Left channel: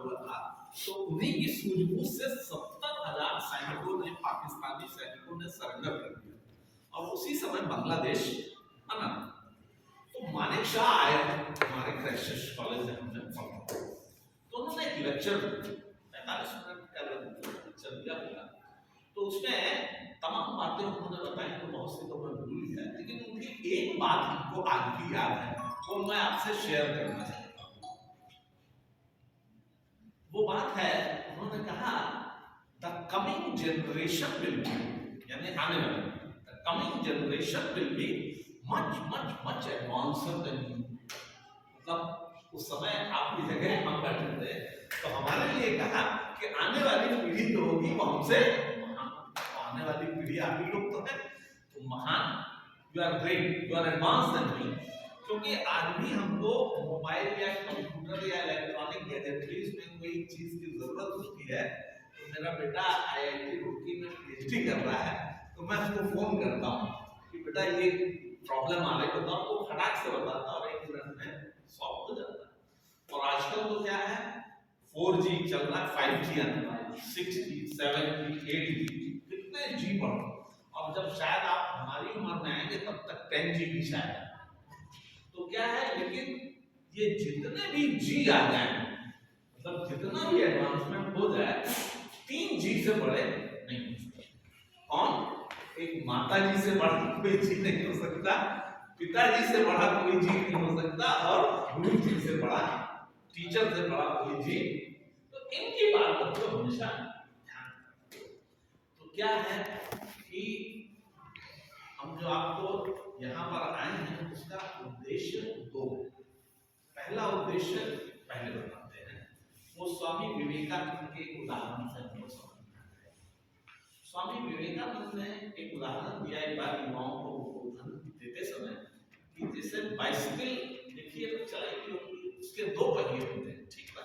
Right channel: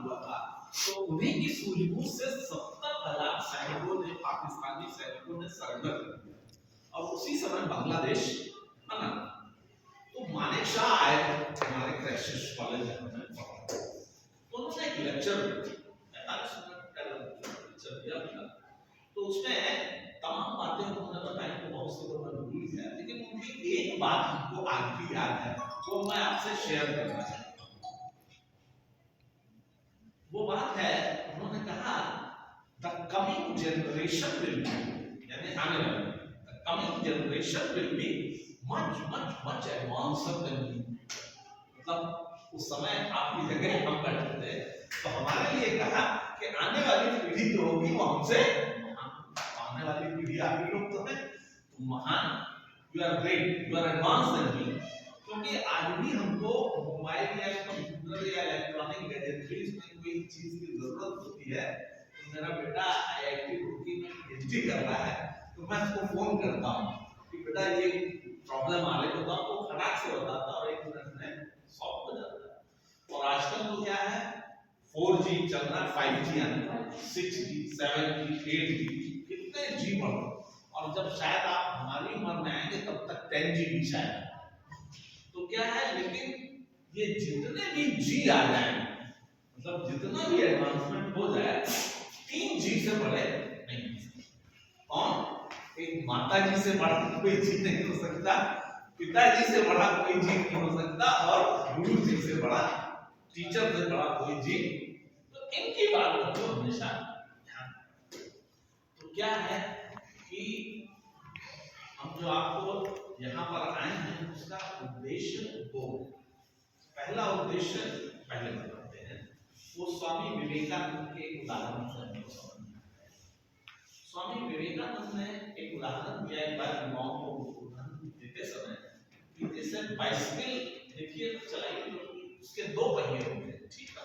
हुआ था, तो उन्हीं की सूझबूझ से 70,000 सैनिकों ने, पाकिस्तानी सैनिकों ने सरेंडर कर दिया और उसी समय बांग्लादेश बना। तो मानेक शाह आए हमारे क्राइस्ट कॉलेज में पढ़ा, तो उन्होंने एक लेक्चर 45 मिनट का लेक्चर दिया था। तो उसमें तमाम बातें उन्होंने बताई, तो बहुत सी तो मैं भूल गया, लेकिन उनकी एक बात हमको आज भी याद है, वो मैं आपसे शेयर करना चाहता हूँ। वो बात है, उन्होंने कहा the coming generation will be, यानी आने वाले, the coming generation will be much much much advanced than you. मतलब उस समय आपकी जगह हम बैठे थे, तो हमारे लिए कहा कि आने वाली पीढ़ी जो होगी वो हमसे, आने वाली पीढ़ी आप ही लोग तो हैं, तो महान, you are great, you are advance than me. क्योंकि आज भी हमको मोबाइल या कंप्यूटर या इलेक्ट्रॉनिक गैजेटरीज में कोई चीज की जरूरत होती है, तो मेरा बेटा आईआईटी रुड़की में पीएचडी कर रहा है, तो मैं उसको फोन करता हूँ कि बेटा ये प्रॉब्लम आ रही, बताओ, तो खटाक से बताता और 1 मिनट में सॉल्व हो जाता है। और आजकल तो क्या है, 4G चल रहा है, 5G आने वाला है, 6G, 7G, 8G, कितने जी बढ़, और जब शायद आप हमारी उम्र में आएंगे तब तक 10G भी शायद। तो क्या है, लेकिन ये जितने भी जी आ जाए, मतलब जितना भी एडवांसमेंट हो जाए, 3G से बड़े नहीं। कौन? एक माता जी से बड़ा कोई जी नहीं हो सकता, पिताजी से बड़ा कोई जी नहीं हो सकता, और गुरु जी से बड़ा, टीचर से बड़ा कोई जी। तो इनकी बात को हमेशा ध्यान। तो क्या है कि हम जो आपको यहाँ पर आए हैं, उसका उद्देश्य दो है। पहला उद्देश्य पहले बताते हैं, वो स्वामी विवेकानंद के एक उदाहरण से हमको समझ में आता है। स्वामी विवेकानंद ने एक उदाहरण दिया एक बार युवाओं को उदाहरण देते समय, कि जैसे बाइसिकल देखिए तो चलाइए, उसके 2 पहिए होते हैं, ठीक है,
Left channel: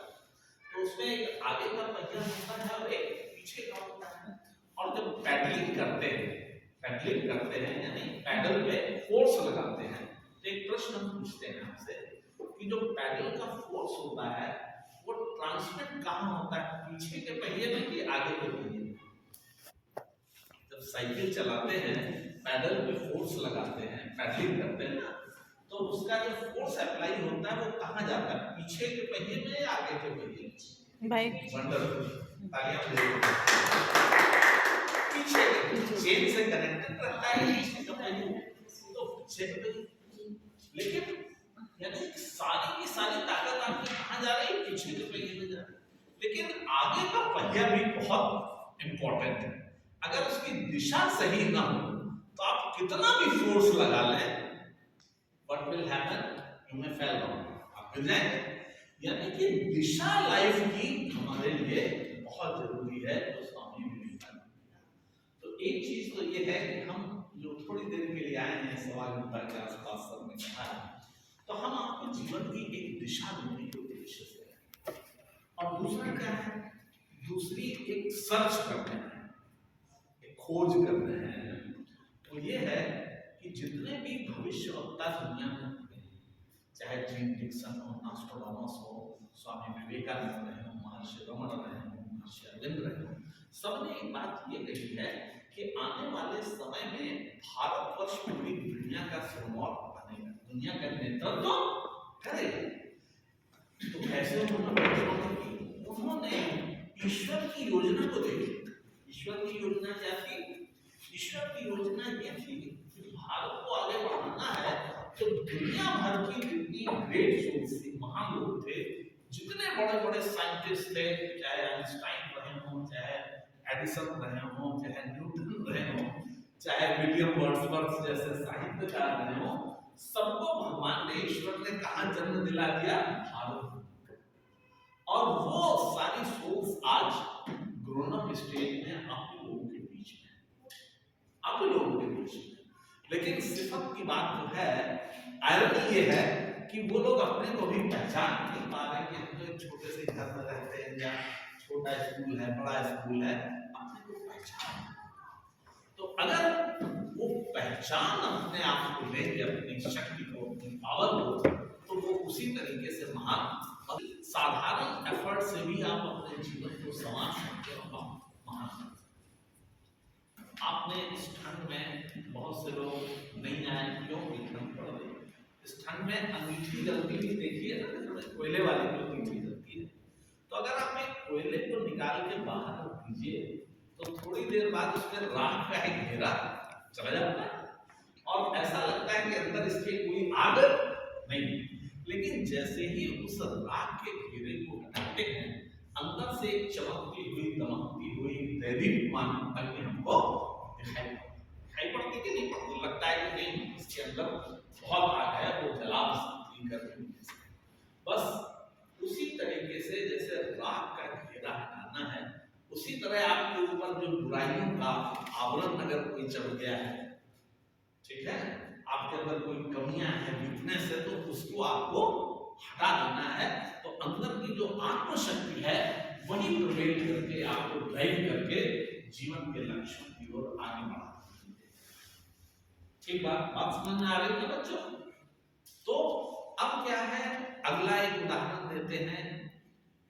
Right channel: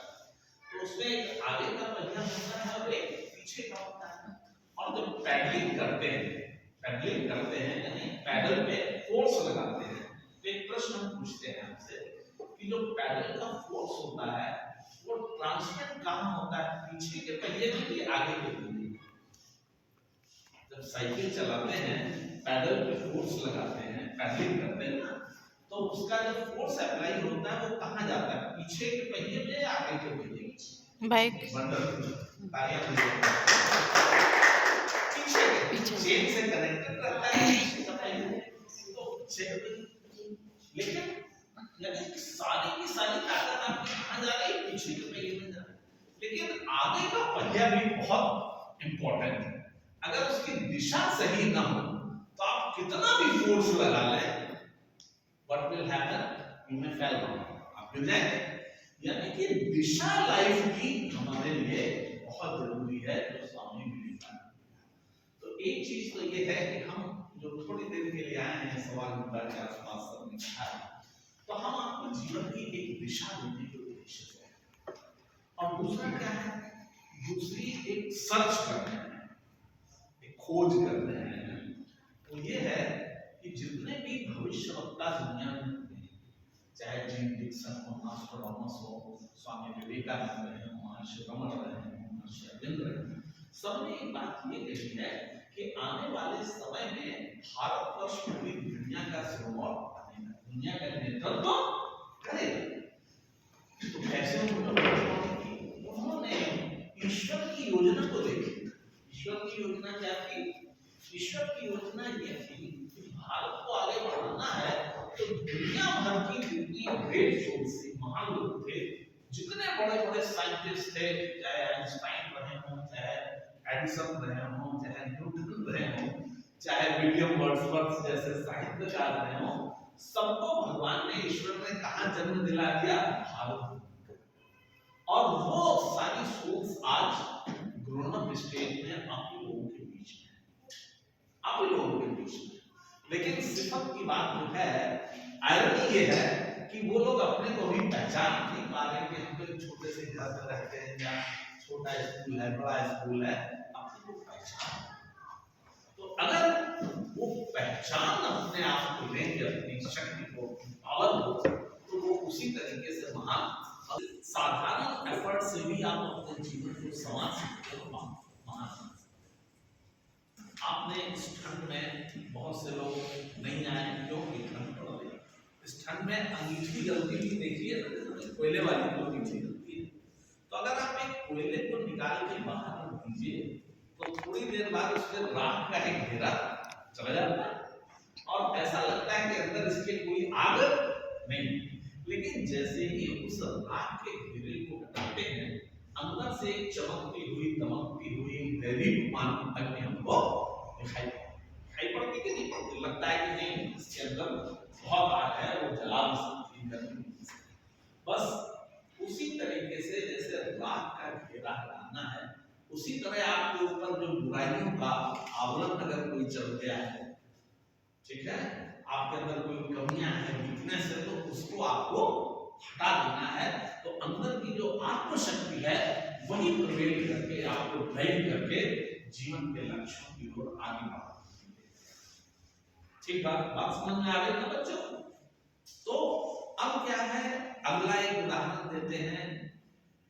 तो उसमें एक आगे का पहिया होता है और एक पीछे का होता है। और जब पैडलिंग करते हैं यानी पैडल पे फोर्स लगाते हैं, तो एक प्रश्न हम पूछते हैं आपसे कि जो पैडल का फोर्स होता है वो ट्रांसमिट कहाँ होता है, पीछे के पहिए में कि आगे के पहिए में? जब साइकिल चलाते हैं, पैडल पे फोर्स लगाते हैं, पैडलिंग करते हैं ना, तो उसका जो फोर्स अप्लाई होता है वो कहाँ जाता है, पीछे के पहिए में या आगे के पहिए में? बाइक। वंडरफुल, तालियां दीजिए। पीछे चेन से कनेक्टेड रहता है पीछे का पहिया, तो पीछे के पहिए। लेकिन यानी सारी की सारी ताकत आपकी कहाँ जा रही है, पीछे के पहिए में जा रही है। लेकिन आगे का पहिया भी बहुत इंपॉर्टेंट है। अगर उसकी दिशा सही ना हो तो आप कितना भी फोर्स लगा लें, what will happen, you may fell down, आप गिर जाएंगे। यानी कि दिशा लाइफ की हमारे लिए बहुत जरूरी है, जो स्वामी विवेकानंद। तो एक चीज तो ये है कि हम जो थोड़ी देर के लिए आए हैं, 1.25 घंटे के आसपास सर ने कहा, तो हम आपको जीवन की एक दिशा देने के उद्देश्य से हैं। और दूसरा क्या है, दूसरी एक सर्च करते हैं, एक खोज करते हैं। तो ये है कि जितने भी भविष्यवक्ता दुनिया में हुए, चाहे जीन डिक्सन हो, नॉस्ट्राडामस हो, स्वामी विवेकानंद रहे हो, महर्षि रमण रहे हो, महर्षि अरविंद रहे हो, सबने एक बात ये कही है कि आने वाले समय में भारतवर्ष पूरी दुनिया का सिरमौर बनेगा, दुनिया का नेतृत्व करेगा। तो कैसे उन्होंने ईश्वर की योजना को देखी। ईश्वर की योजना क्या थी? ईश्वर की योजना ये थी कि भारत को आगे बढ़ाना है, तो दुनिया भर की जितनी ग्रेट सोल्स थी, महान लोग थे, जितने बड़े बड़े साइंटिस्ट थे, चाहे आइंस्टाइन रहे हों, चाहे एडिसन रहे हों, चाहे न्यूटन रहे हों, चाहे विलियम वर्ड्सवर्थ जैसे साहित्यकार रहे हों, सबको भगवान ने, ईश्वर ने कहाँ जन्म दिला दिया? भारत। और वो सारी सोल्स आज ग्रोन अप स्टेज में आप ही लोगों के बीच में, आप ही लोगों के बीच में। लेकिन सिफत की बात जो है, आयरनी ये है कि वो लोग अपने को भी पहचान नहीं पा रहे कि हम तो एक छोटे से घर में रहते हैं, या छोटा स्कूल है, बड़ा स्कूल है, अपने को पहचान। तो अगर वो पहचान अपने आप को लेंगे, अपनी शक्ति को, अपनी पावर को, तो वो उसी तरीके से महान साधारण एफर्ट से भी आप अपने जीवन को संवार सकते हो, महान सकते हो। आपने इस ठंड में बहुत से लोग नहीं आए क्योंकि ठंड पड़ रही, इस ठंड में अंगीठी जलती हुई देखिए ना, कोयले वाली जो अंगीठी जलती है, तो अगर आप एक कोयले को निकाल के बाहर रख दीजिए तो थोड़ी देर बाद उसमें राख का एक घेरा चला जाता है और ऐसा लगता है कि अंदर इसके कोई आग नहीं। लेकिन जैसे ही उस राख के घेरे को हटाते हैं, अंदर से एक चमकती हुई दमकती हुई दैदीप्यमान अग्नि हमको दिखाई पड़ती कि नहीं पड़ती? लगता है कि नहीं, इसके अंदर बहुत आग है, वो जला सकती है। बस उसी तरीके से जैसे राख का घेरा हटाना है, उसी तरह आपके ऊपर जो बुराइयों का आवरण अगर कोई चढ़ गया है, ठीक है, आपके अंदर कोई कमियां हैं, वीकनेस है, तो उसको आपको हटा देना है। तो अंदर की जो आत्मशक्ति है वही प्रवेश करके आपको ड्राइव करके जीवन के लक्ष्यों की ओर आगे बढ़ाना है। ठीक बात समझ में आ गई ना बच्चों? तो अब क्या है, अगला एक उदाहरण देते हैं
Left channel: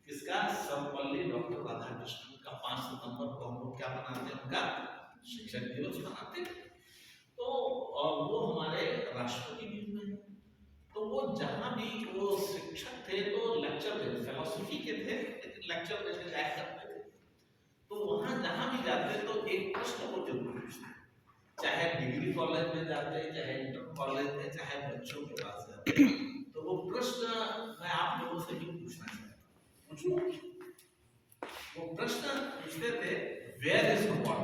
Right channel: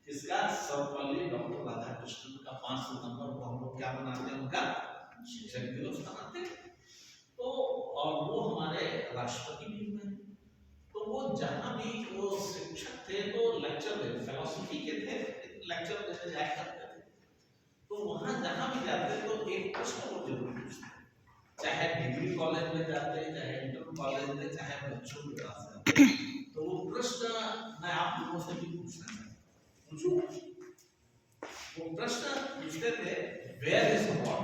किसका? सर्वपल्ली डॉक्टर राधाकृष्णन का 5 सितंबर को हम लोग क्या मनाते हैं? उनका शिक्षक दिवस मनाते हैं। तो वो हमारे राष्ट्रपति भी हुए। तो वो जहां भी वो शिक्षक थे तो लेक्चर देते, फिलॉसफी के थे लेकिन लेक्चर देते जाया करते थे। तो वहां जहां भी जाते तो एक प्रश्न वो जरूर पूछते, चाहे डिग्री कॉलेज में जाते, चाहे इंटर कॉलेज में, चाहे बच्चों के पास जाते, तो वो प्रश्न मैं आप लोगों से भी पूछना चाहता हूं। पूछूं? वो प्रश्न पूछते थे, where is God?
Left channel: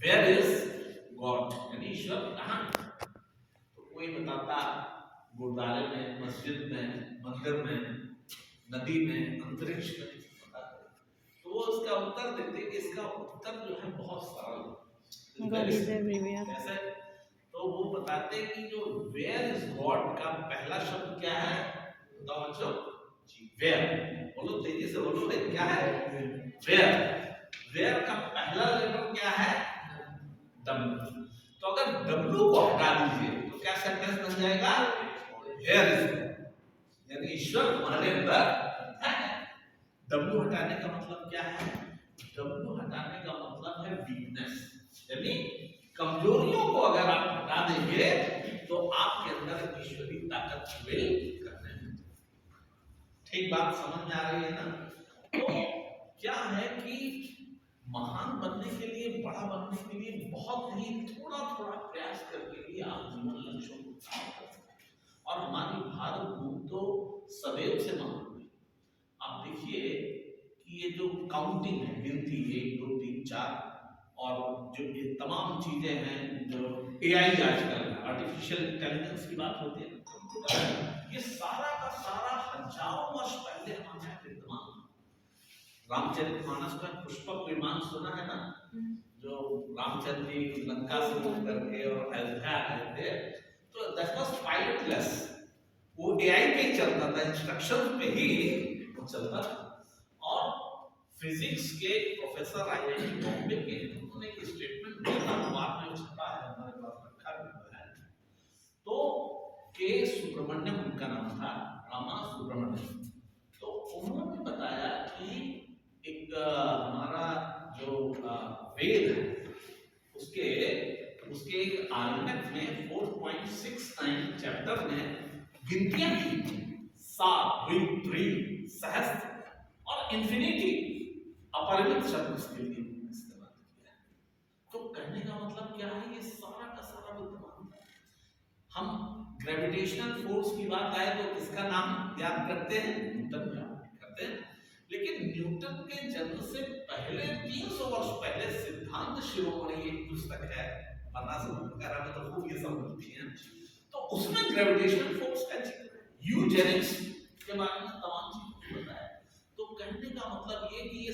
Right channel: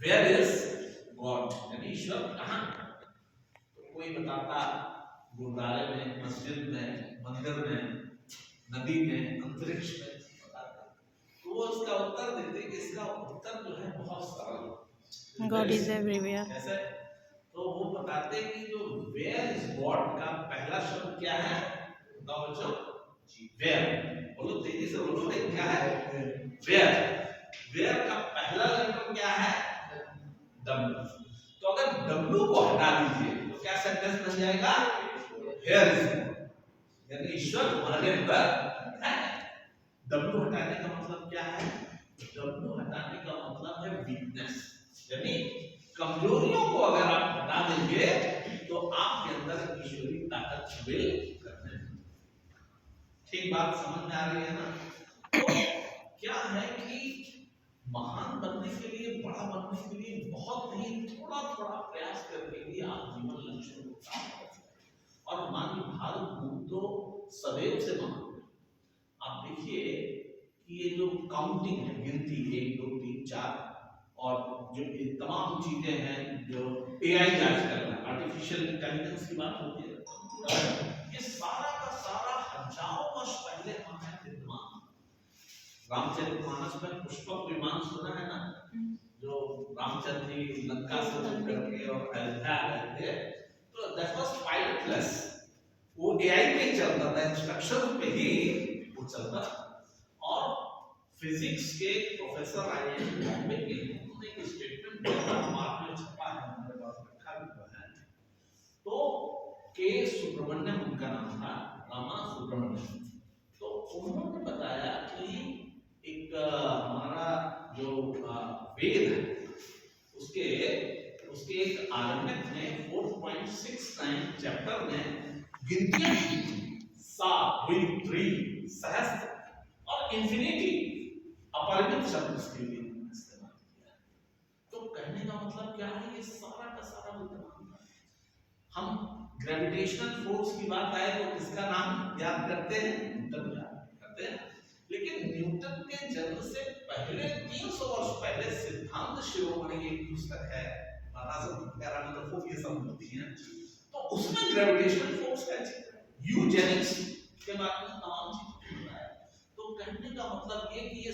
Where is God यानी ईश्वर कहाँ? तो कोई बताता गुरुद्वारे में, मस्जिद में, मंदिर में, नदी में, अंतरिक्ष में बताते। तो वो उसका उत्तर देते कि इसका उत्तर जो है बहुत सरल है, गॉड इज एवरीवेयर। कैसे? तो वो बताते कि जो वेयर इज गॉड का पहला शब्द क्या है? बताओ बच्चों जी, वेयर। बोलो तेजी से बोलो भाई, क्या है? वेयर। वेयर का पहला लेटर क्या है? W। तो अगर W को हटा दीजिए तो क्या सेंटेंस बन जाएगा? Here is God। यानी ईश्वर हमारे अंदर है। W हटाने का मतलब क्या है? W हटाने का मतलब है वीकनेस, यानी कमजोरियों को अगर आप हटा देंगे तो आपके अंदर ईश्वरीय ताकत प्रवेश करने लगेगी। ठीक बात समझ में आ रही है ना? तो क्या है कि महान बनने के लिए, बड़ा बनने के लिए बहुत ही थोड़ा थोड़ा प्रयास करके ही आप जीवन लक्ष्यों को प्राप्त कर सकते हैं। और हमारी भारत भूमि तो सदैव से महान है। आप देखिए कि ये जो काउंटिंग है, गिनती 1 2 3 4 और जो ये तमाम चीजें हैं, जो एआई आजकल आर्टिफिशियल इंटेलिजेंस की बात होती है, ये सारा का सारा हजारों वर्ष पहले हमारे विद्यमान। रामचरितमानस में पुष्पक विमान सुना है ना, जो रामचंद्र जी लंका से होकर के और अयोध्या गए थे, तो दैट वाज पायलटलेस, वो एआई पे ही चलता था, इंस्ट्रक्शन पे ही वो चलता था। और फिजिक्स के प्रोफेसर आईआईटी बॉम्बे के, उन्होंने एक स्टेटमेंट दिया था, बाद में छपा है, हमारे पास रखा भी हुआ है। तो के सुब्रमण्यम उनका नाम था, रामा सुब्रमण्यम। तो उन्होंने बताया कि एक हमारा जो वेद है उसके एक आरण्यक में 4.69 चैप्टर में गिनतियां 7 3 सहस्त्र और इंफिनिटी अपरिमित शब्द इसके लिए इस्तेमाल किया है। तो कहने का मतलब क्या है, ये सारा का सारा विद्यमान है। हम ग्रेविटेशनल फोर्स की बात आए तो किसका नाम याद करते हैं? न्यूटन का करते हैं। लेकिन न्यूटन के जन्म से पहले 300 वर्ष पहले सिद्धांत शिरोमणि एक पुस्तक है, वगैरह में तो खूब ये सब मिलती है, तो उसमें ग्रेविटेशनल फोर्स का जिक्र है, यूजेनिक्स के बारे में तमाम चीजें बताया। तो कहने का मतलब ये कि ये